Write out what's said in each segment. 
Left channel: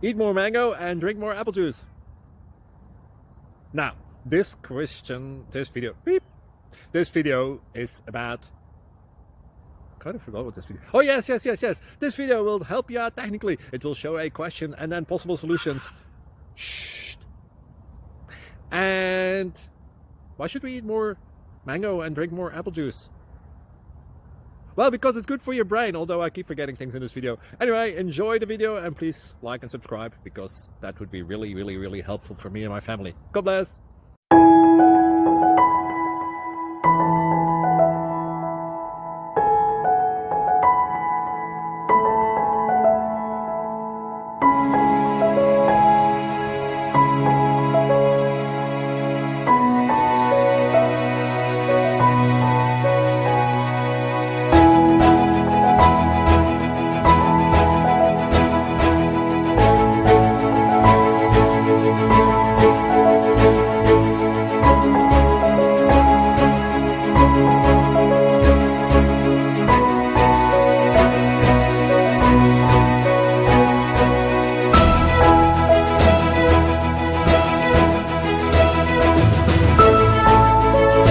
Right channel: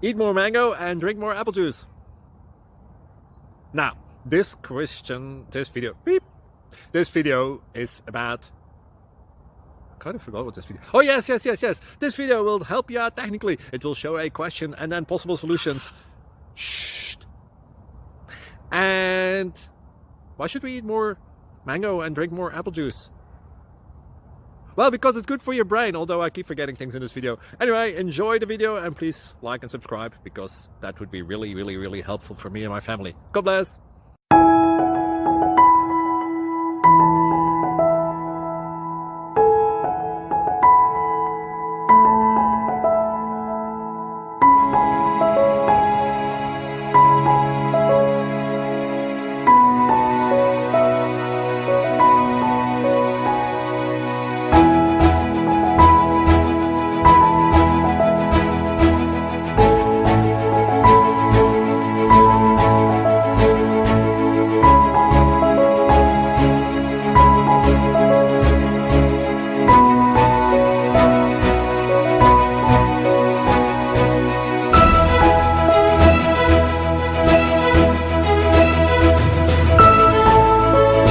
Eat more mango and drink more apple juice. Now, this video is about, I kind of forgot what this video. Oh, yes. This video will help you out technically. It will show a question and then possible solutions. Shh. And why should we eat more mango and drink more apple juice? Well, because it's good for your brain, although I keep forgetting things in this video. Anyway, enjoy the video and please like and subscribe, because that would be really helpful for me and my family. God bless.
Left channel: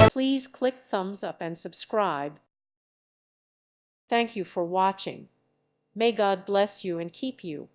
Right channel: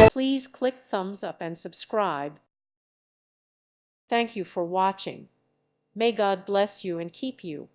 Please click thumbs up and subscribe. Thank you for watching. May God bless you and keep you.